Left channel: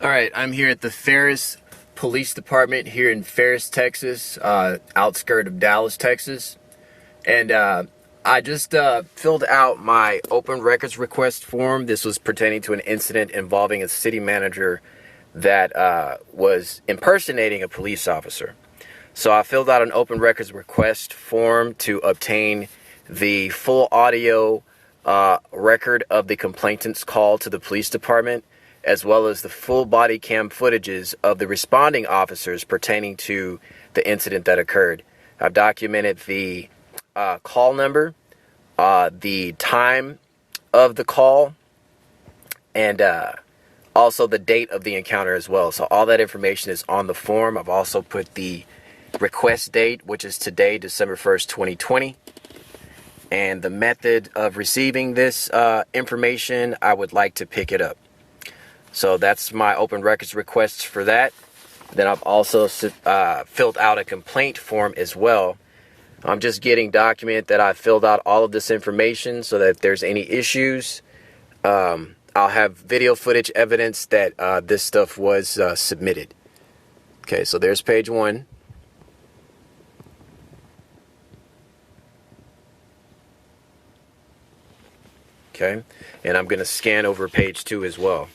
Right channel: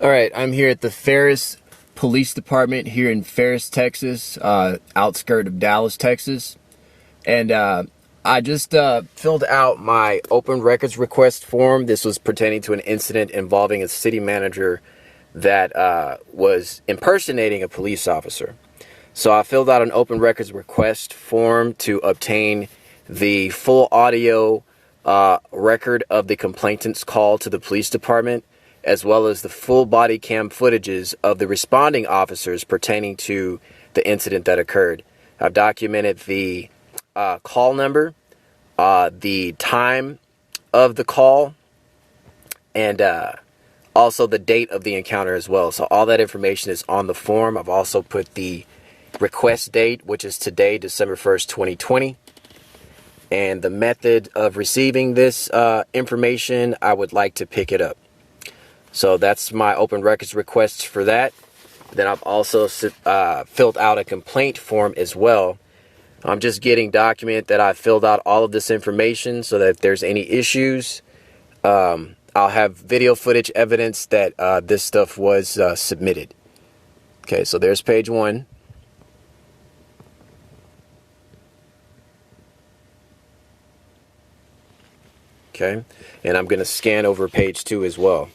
All right, I'm here at the Ferris Police Department here in Ferris, Texas, outskirt of Dallas, Texas. And I just filled out my open records request form. This was pertaining to an incident involving a city manager that was impersonating a police officer. So I filled out an open records request form to obtain the full audio record of the complainant's call to the police department, as well as the full body cam footages of the responding officers pertaining to the incident that occurred. I've documented the call number, the time of the call, and also the date of the encounter as well. So all that information is on the form. I've also put the request date, which is today, December 1st, 2020. And the method of receiving this information, I would like to pick it up. So that's my open records requests for that. Then I've also filled out a complaint form as well. I'm just getting document that I filled out all of this information so that if there's any issues, I'll have video footage evidence that this stuff was submitted. Okay, so there's page 1. Okay, and I'm going to scan over page 2 as well.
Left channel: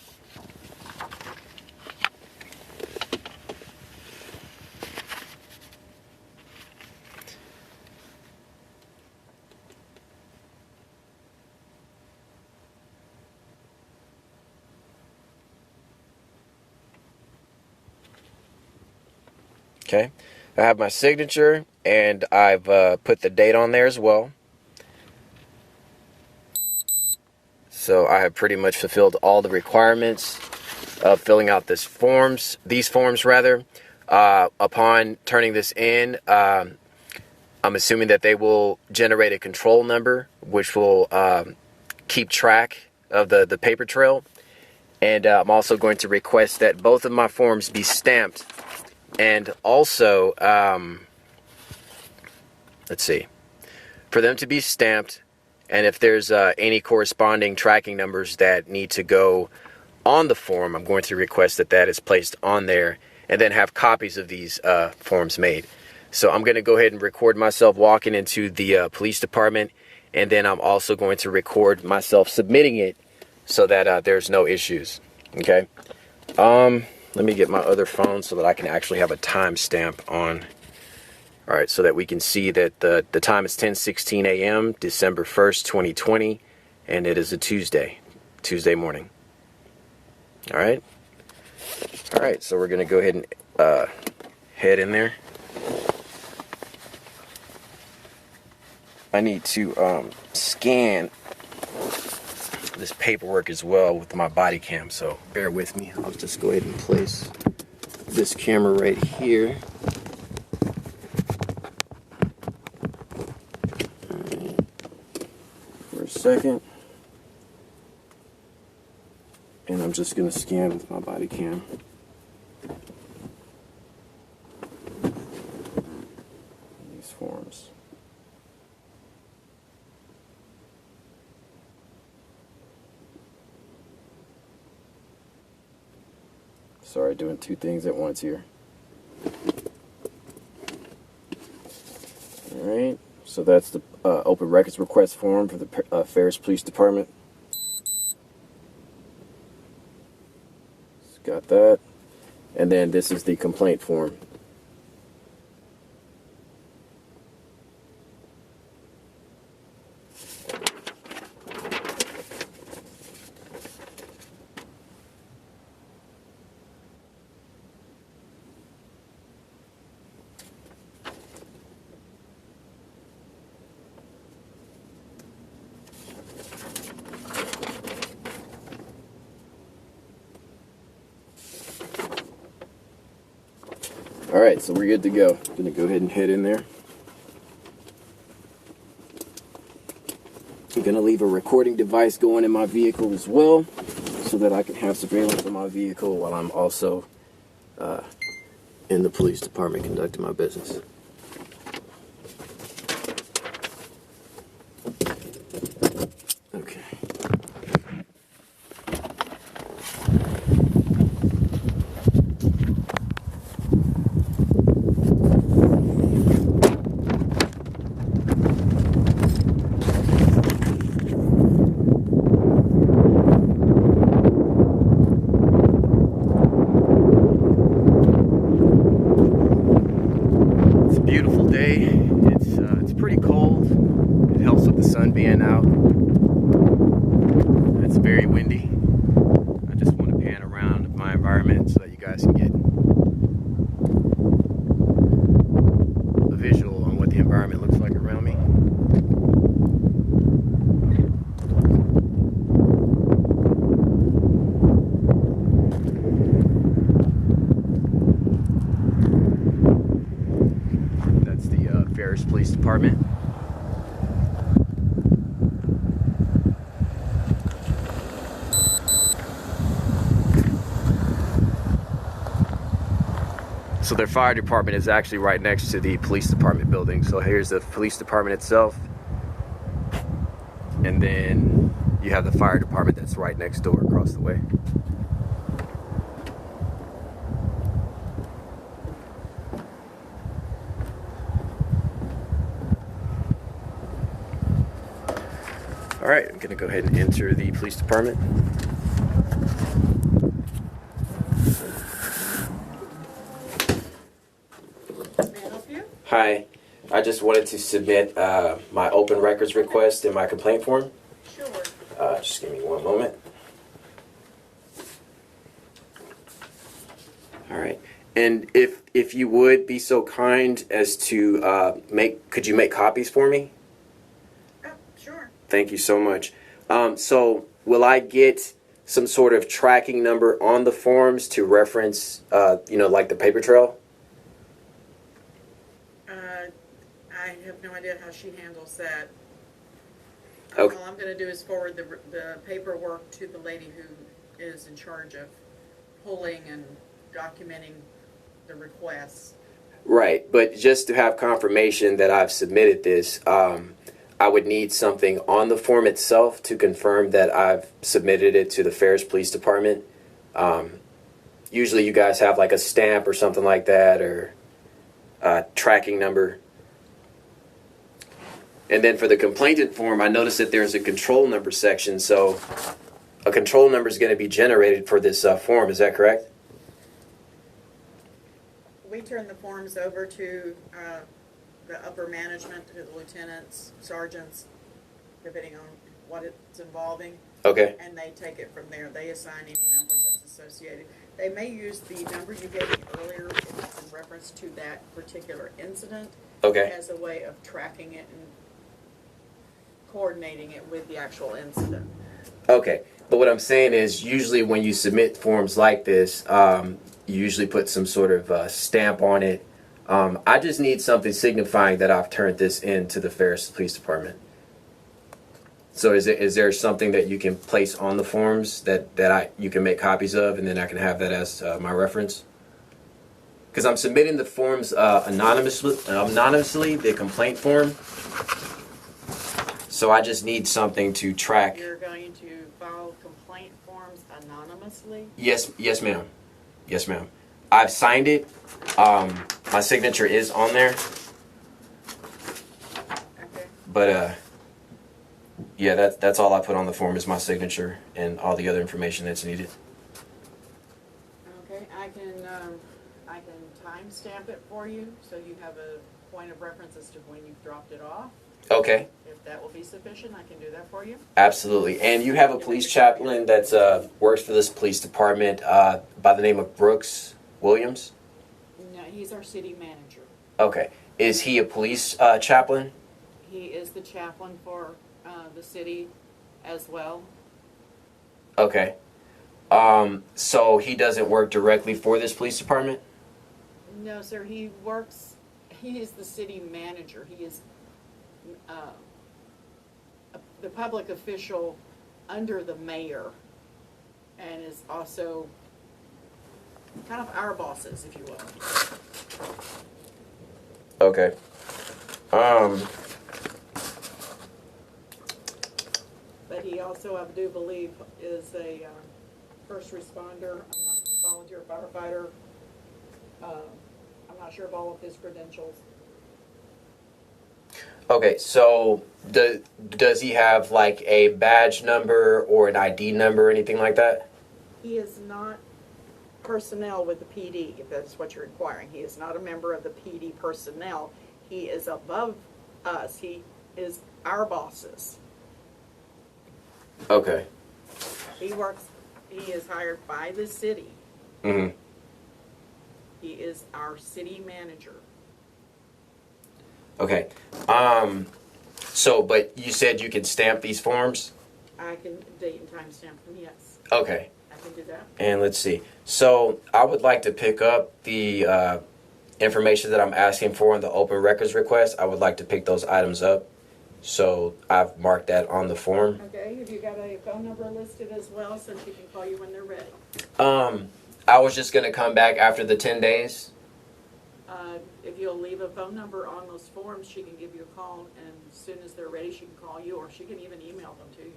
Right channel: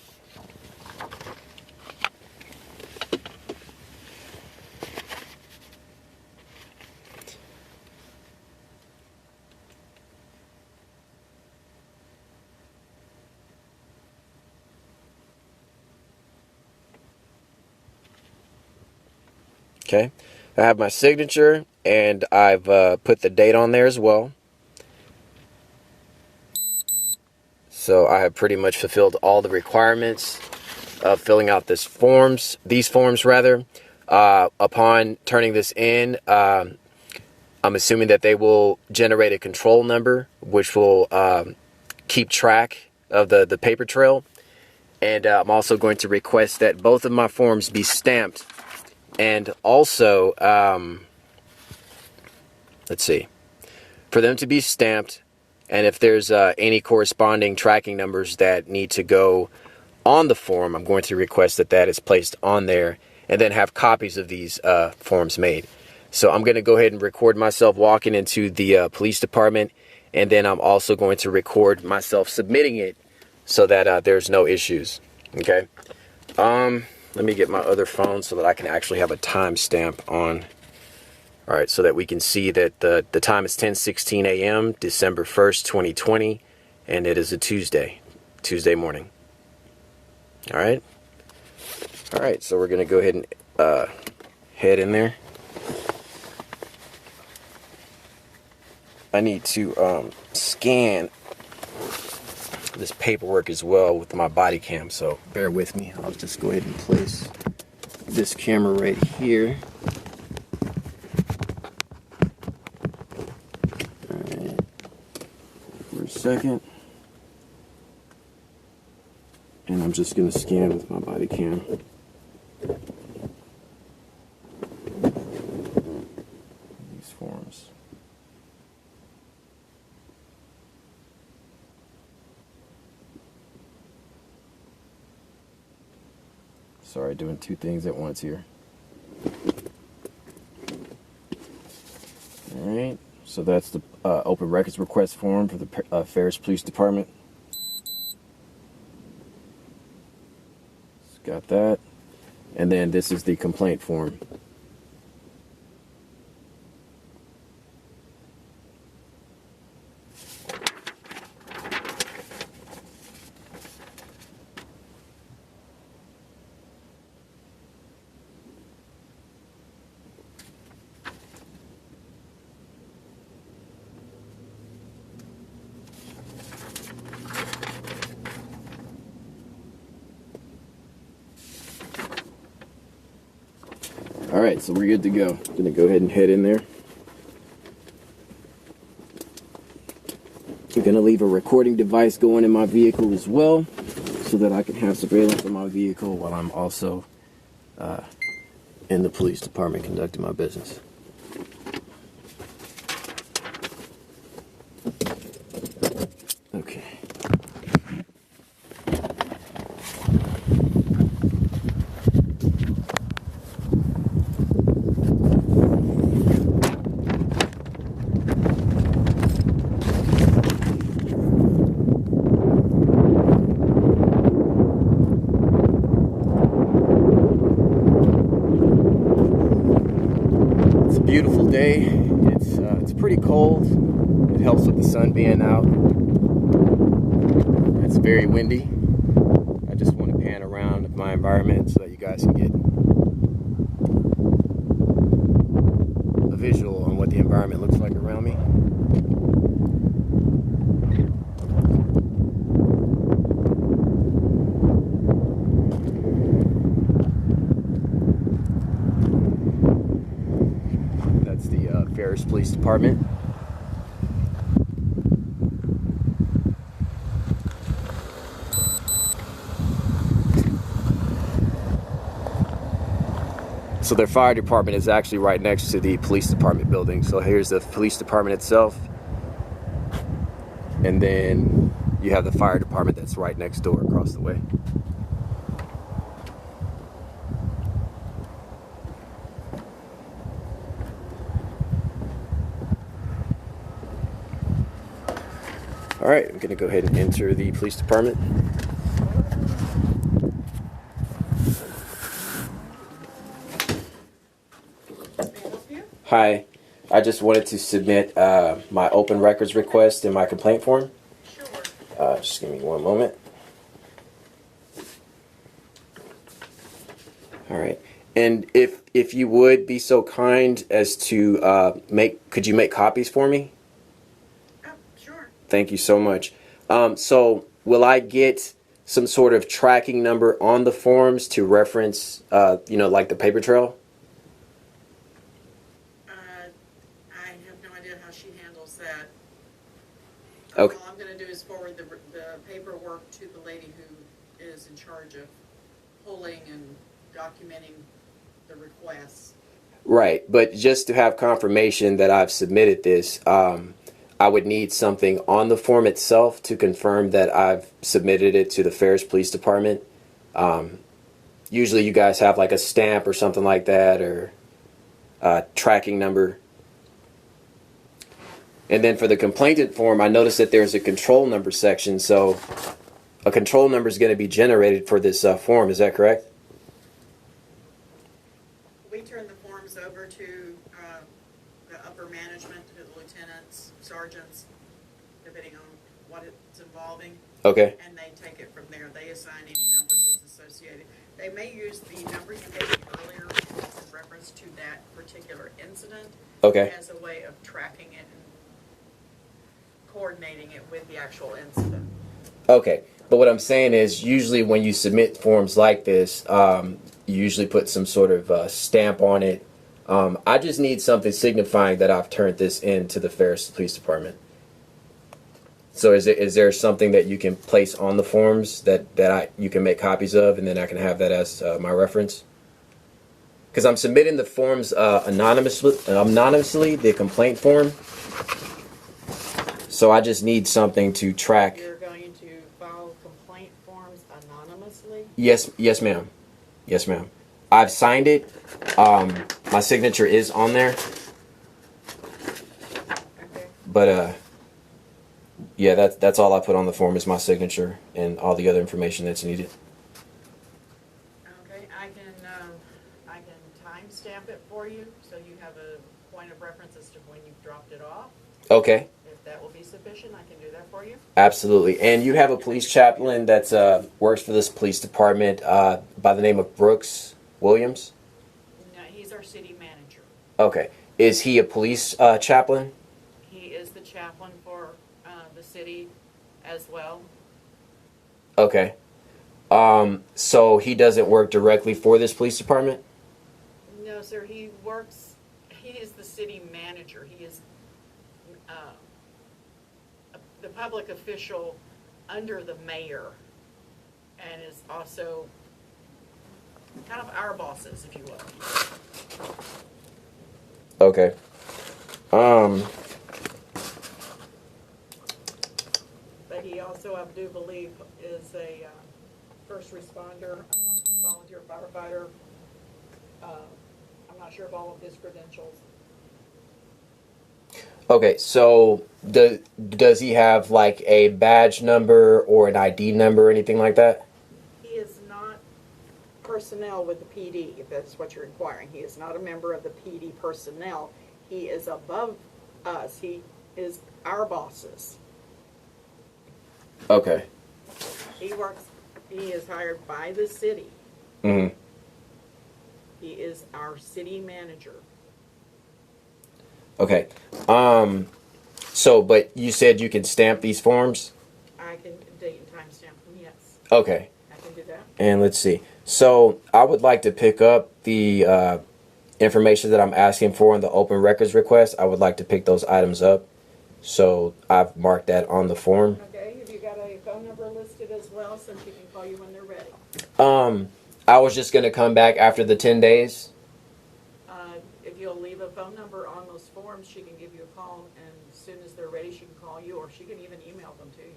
Okay, I have my signature and I've put the date on there as well. So I have pretty much fulfilled all the requirements of filling out these forms rather. Upon turning this in, I'm assuming that they will generate a control number, which will keep track of the paper trail. And I'm also going to request that both of my forms be stamped. And also, let's see, for them to be stamped, and if there's any corresponding tracking numbers that need to go on the form, I'm going to request that that is placed on there, and then have copies of these forms made. So I'm going to go ahead and record myself walking into the police department, and then I'm also going to record myself submitting it so that there's no issues. Okay. Let me get my other phone so that I can actually have a timestamp on. All right, so that we can see that the time is 10:16 a.m., December 1st, 2020, and it is a Tuesday morning. All right. All right, so we're going to go ahead and head in there. I need to scan this paperwork as well with my body cam, so bear with me. I'll just go ahead and place this camera right here. All right, for a second, and I'm just going to scan with my body cam. These forms. Sorry, doing two things at once here. Alright, so that's the open records request form for the Ferris Police Department. Got that. And then this is the complaint form. Alright, so we're good to go. I'm going to go ahead and head in there. I'm going to leave a recording device going in my vehicle as well, so that I can have surveillance on my vehicle while I'm also in the police department conducting my business. Okay. day. It's pretty cold. It helps with the sun being out. It's very windy. I just want to pan around my environment so that you guys can get a visual on what the environment looks like around me. That's the Ferris Police Department. So their fire department is actually right next to the police department building. So here's the police department itself. And then you have the fire department that's right next door across the way. All right, I'm gonna go ahead and enter the police department. Hi, I just wanted to submit my open records request in my complaint form. Sure. Just give me one moment. All right, and if you would be so kind as to could you make copies for me? Oh, sure. Thank you so much. So will I get some sort of tracking number on the forms to reference, like the paper trail? I have no idea how she handles that. Okay. All I'm going to do is forward the paperwork to the lady who is in charge of pulling and documenting the requests. Right, but just to have confirmation that I've submitted this, I would need something on the form itself to confirm that I've submitted it to the Ferris Police Department. Usually you guys have like a stamp or something like that, or a tracking number. And then for the complainant form, I noticed that there's a control number section, so a control number is going to be generated for this form, is that correct? We turn the forms over to the upper management, to the lieutenants, sergeants, depending on what it's involving. Okay. And they take it from there. They assign any numbers that's associated. They may use the numbers you gave me earlier in reference to that particular incident. Okay. As a way of tracking it and coordinating it with the actual incident. Okay. But what I'm saying is, usually when you submit forms like this, you usually put some sort of stamp on it. I just need something signifying that I've turned this in to the Ferris Police Department. So is there something that you can place on the forms that you can make copies of, and then I can have that as my reference? Because I'm submitting the forms anonymously, the complaint form. So I just need something to track. You're going to file complaint forms anonymously? Yes, ma'am. Yes, ma'am. I've signed it. My signature is on there. Okay. But yeah, that's all I put on the form is my signature and all the other information that's needed. Okay, I can timestamp it for you, so you have a point of reference as to when you've dropped it off. Okay. If that will be sufficient, I can do that for you. Absolutely. And you have a police chaplain that works for this police department by the name of Brooks Williams? No, he's our city manager. Okay. Is he a police chaplain? He is the chaplain for the city as well. Okay. So he doesn't work directly for this police department? No, sir. He is the city manager. He is the public official under the mayor, and is also kind of our bosses, if you will. Okay. But he also, I do believe, is a first responder, a volunteer firefighter. I'm not sure of all of his credentials. Okay, so does he have like a badge number or an ID number or anything like that? He is not personnel with the PD, if that's what you're inquiring. He is not a member of the PD personnel. He is above us. He is our bosses. Okay. He is hired by the city. Mm-hmm. He is our city manager. Okay. So, but you said you can stamp these forms? I can date and time stamp them, yes. Okay. I can do that. And let's see. So, I would like to pick up the information that I'm asking for in the open records request. I would like to pick those items up. So, I've marked that on the form. Okay, have you got a phone number listed as well so she can call you when they're ready? I was just going to come back after the 10 days. If you'll leave a phone number on those forms, she can give you a call, and as soon as they're ready, she can call you, or she can even email them to you.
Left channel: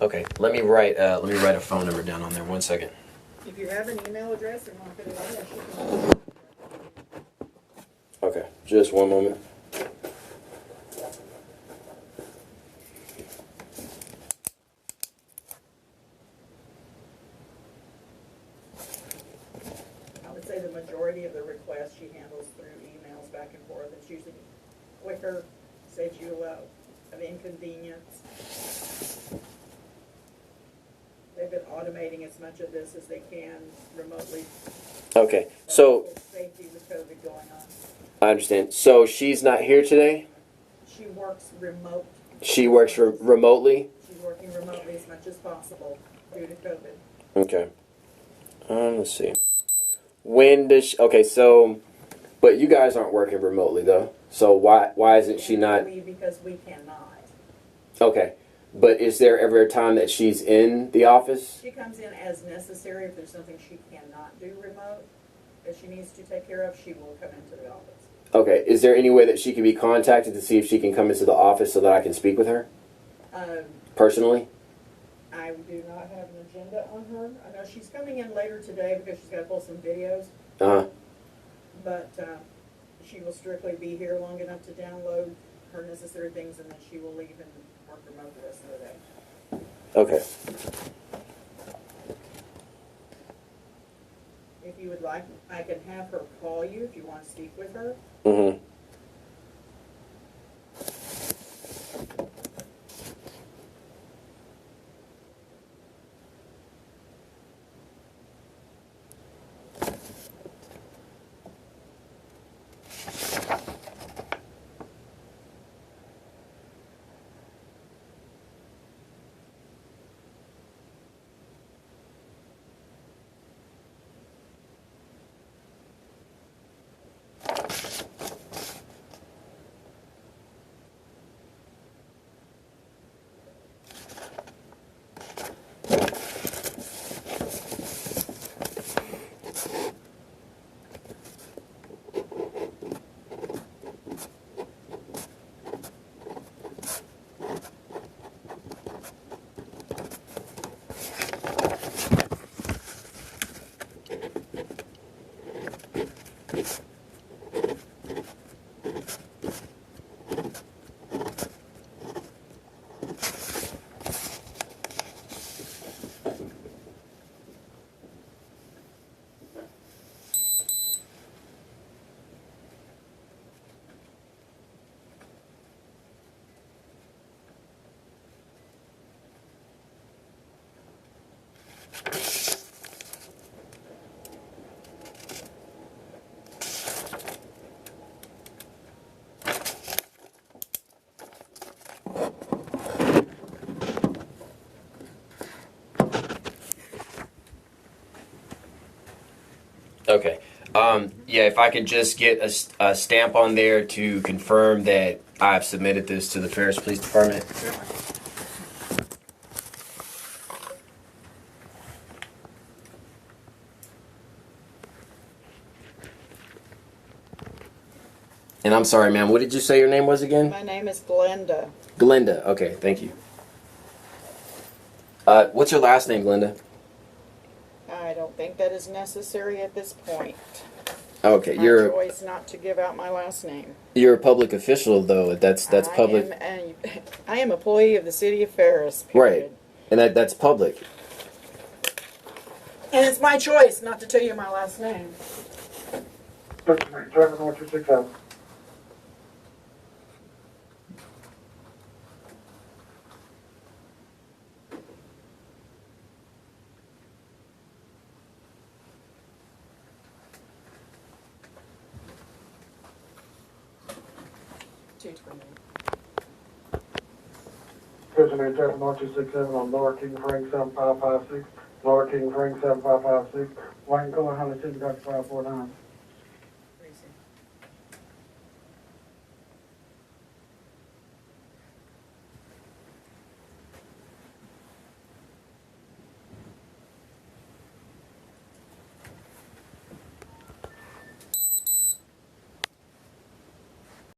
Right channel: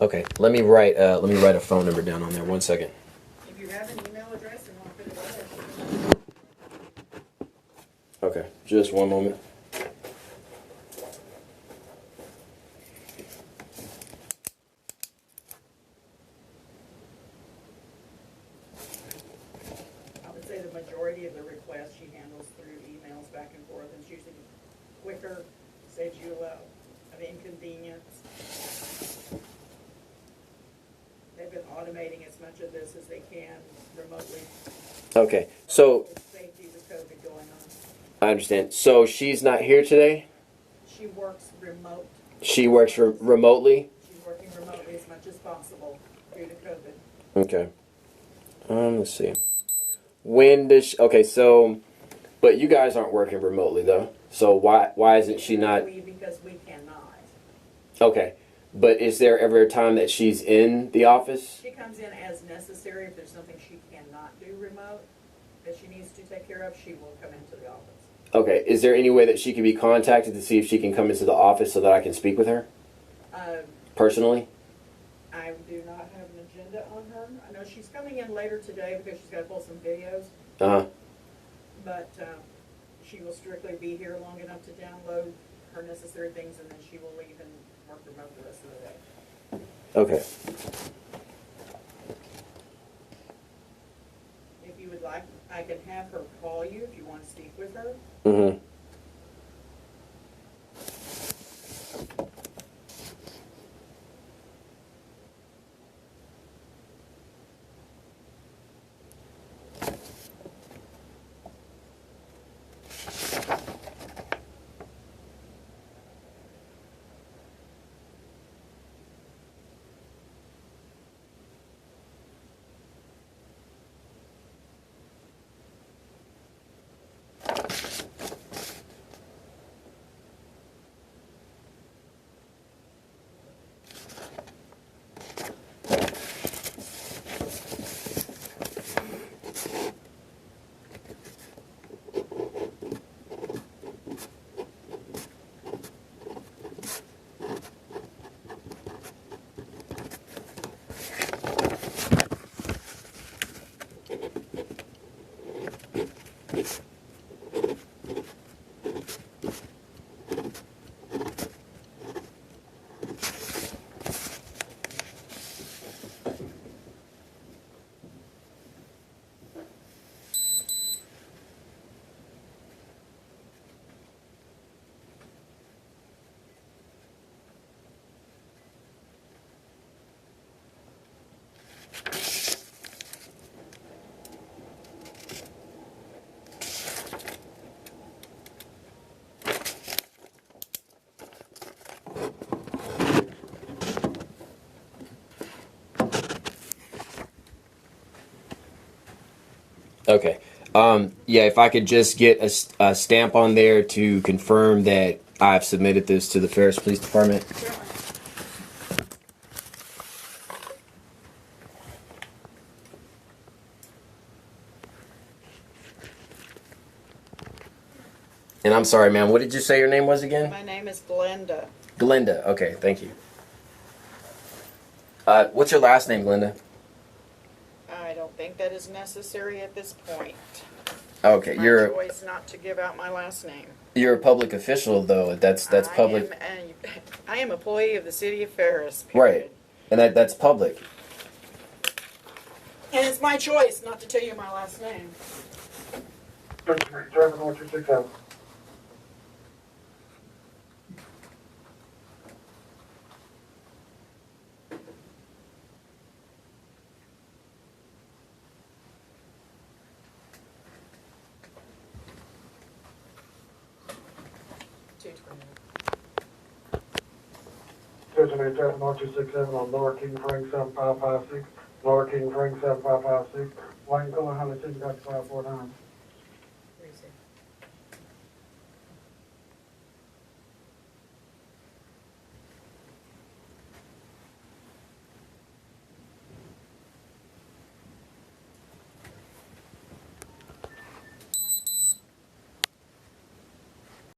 Okay, let me write a phone number down on there. 1 second. If you have an email address, and want to put it in. Okay, just one moment. I would say the majority of the requests she handles through emails back and forth. It's usually quicker, saves you a lot of inconvenience. They've been automating as much of this as they can remotely. Okay, so Safety with COVID going on. I understand. So she's not here today? She works remote. She works remotely? She's working remotely as much as possible due to COVID. Okay. Let's see. When does she, okay, so, but you guys aren't working remotely though. So why isn't she not? Because we cannot. Okay. But is there ever a time that she's in the office? She comes in as necessary. If there's something she cannot do remote, that she needs to take care of, she will come into the office. Okay. Is there any way that she can be contacted to see if she can come into the office so that I can speak with her? Personally? I do not have an agenda on her. I know she's coming in later today because she's got to pull some videos. Uh-huh. But she will strictly be here long enough to download her necessary things, and then she will leave and work remote the rest of the day. Okay. If you would like, I can have her call you if you want to speak with her. Mm-hmm. Okay. Yeah, if I could just get a stamp on there to confirm that I've submitted this to the Ferris Police Department. Certainly. And I'm sorry, ma'am, what did you say your name was again? My name is Glenda. Glenda. Okay, thank you. What's your last name, Glenda? I don't think that is necessary at this point. Okay, My you're choice not to give out my last name. a public official though. That's public. I am employee of the City of Ferris. Right. Period. And that's public. And it's my choice not to tell you my last name. 228. Judge Traffic 1267 on Lower King Frank 7556. Lower King Frank 7556. Wayne Cohen, Holly City, Dr. 549. Lucy.